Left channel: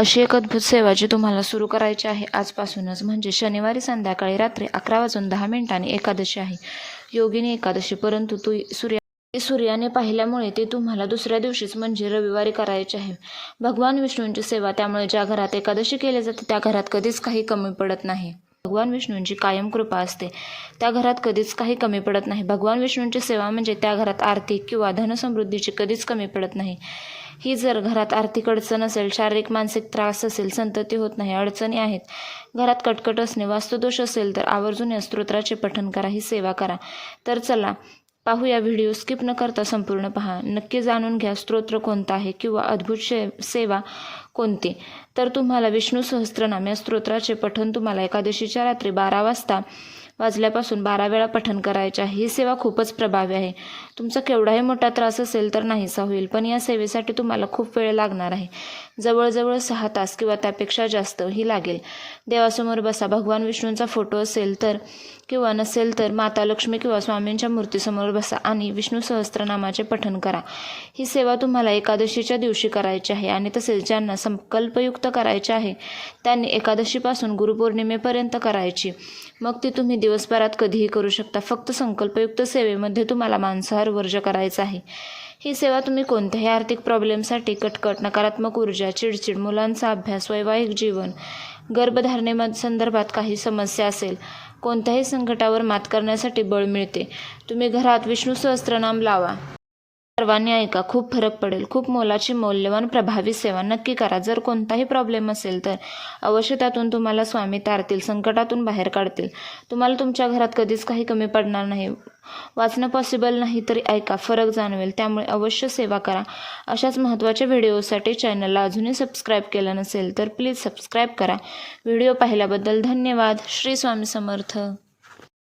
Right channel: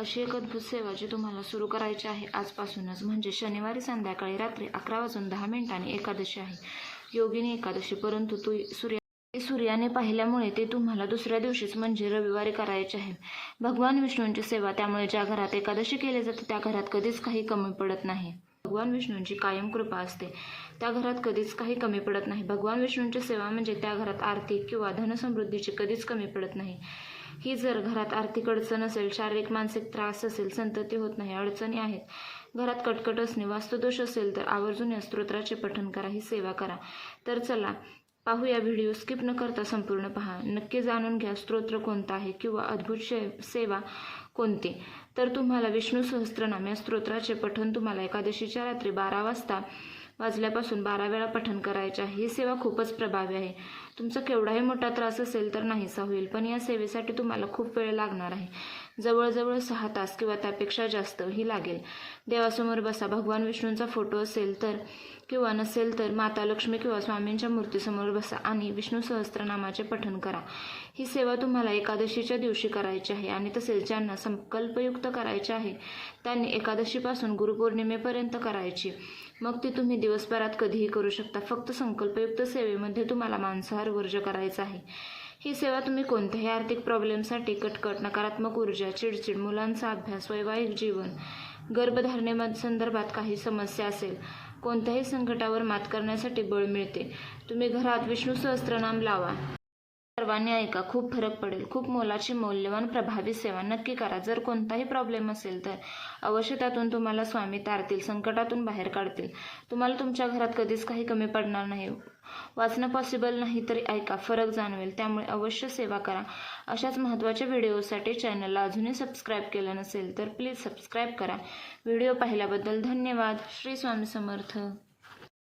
अशी एक अद्भुत सेवा जी तुम्हाला सुरू करायची आहे आजपासूनच. म्हणजे शनिवारी संध्याकाळी रात्री अकरा वाजून दहा मिनिटांनी एकादशी आहे. योगिनी एकादशी परंतु तू सूर्या सूर्याने पाहिल्यामुळे ते तुम्हाला दुसऱ्या दिवशीच म्हणजे रविवारी करायचे आहे. भगवान विष्णूंची सेवा त्यामुळे ज्या घरात एकादशी केली जाते त्या घरात कधीच काही कमी पडत नाही. भगवान विष्णूंची कायम कृपा असते. त्या घरात कधीच काही कमी पडत नाही. भगवान विष्णूंची सेवा म्हणजे त्या घरात आर्थिक किंवा धनसमृद्धीची कधीच कमी पडत नाही. ही जर घरात आर्थिक अडचण असेल शारीरिक मानसिक त्रास असेल संतती होत नाही अडचणी आहेत घरात कटकट असणे वास्तुदोष असेल तर आवर्जून या स्तोत्राचे पठण करा ही सेवा करा. तर चला पाहूया व्हिडिओ स्किप न करता संपूर्ण पहा. नक्की जाणून घ्या स्तोत्र कोणता आहे किंवा अद्भुत शे सेवा कोणती? तर तुम्हाला विष्णू सहस्त्रनाम या स्तोत्राचे पठण तुम्हाला एकादशीच्या रात्री बारा वाजता वाजल्यापासून बारा वेळा पठण करायचे आहे ही सेवा खूपच प्रभावी आहे. तुमचा केवढाही मोठा त्रास असेल तर नाहीसा होईल पण या सेवेसाठी तुम्हाला खूप वेळ लागणार आहे. जवळजवळ सहा तास किंवा त्यापेक्षा जास्त ही लागेल. देवासमोर बसा भगवान विष्णूंचा फोटो असेल तर किंवा नसेल तर माता लक्ष्मी किंवा स्वामींच्या मूर्तीसमोर बसा आणि विष्णू सहस्त्रनामाचे पठण करा. ही सेवा तुम्हाला एकादशीच्या दिवशी करायची आहे आणि तसेच ज्यांना संकल्पयुक्त करायचे आहे त्यांनी एकादशीपासून गुरुपौर्णिमेपर्यंत करायची. मग ती तुम्ही दिवसभरात कधीही करू शकता. फक्त संकल्पयुक्त सेवेमध्ये तुम्हाला मांसाहार वर्ज करायचा आहे. ही सेवा तुम्ही कोणत्याही आर्थिक प्रॉब्लेमसाठी कटकट नकारात्मक ऊर्जा चिडचिड मुलांचा अभ्यास वैवाहिक जीवन गर्भधारणेमध्ये संदर्भात काही समस्या असेल कोणत्याही संकटावर मात करण्यासाठी बळ मिळते. तुम्ही घरात विष्णू सहस्त्रनाम लावा. सर्वांनी ऐका खूप फरक पडेल. खूप मोलाची मौल्यवान प्रभावी सेवा नक्की करा. जर कोणताही प्रॉब्लेम असेल तर अवश्य त्यातून तुम्हाला स्वामी तारतील संकटातून बाहेर काढतील. तुम्हाला तुमच्या घरात कधीच काही कमी पडणार नाही. वाचणं पॉसिबल नाही तरी ऐका फरक जाणवेल. त्यामुळे अवश्य सेवा करा. अशाच महत्त्वाच्या व्हिडिओसाठी चॅनलला अजूनही सबस्क्राईब केलं नसेल तर प्लीज सबस्क्राईब करा. व्हिडिओ पाहिल्याबद्दल धन्यवाद. श्री स्वामी समर्थ.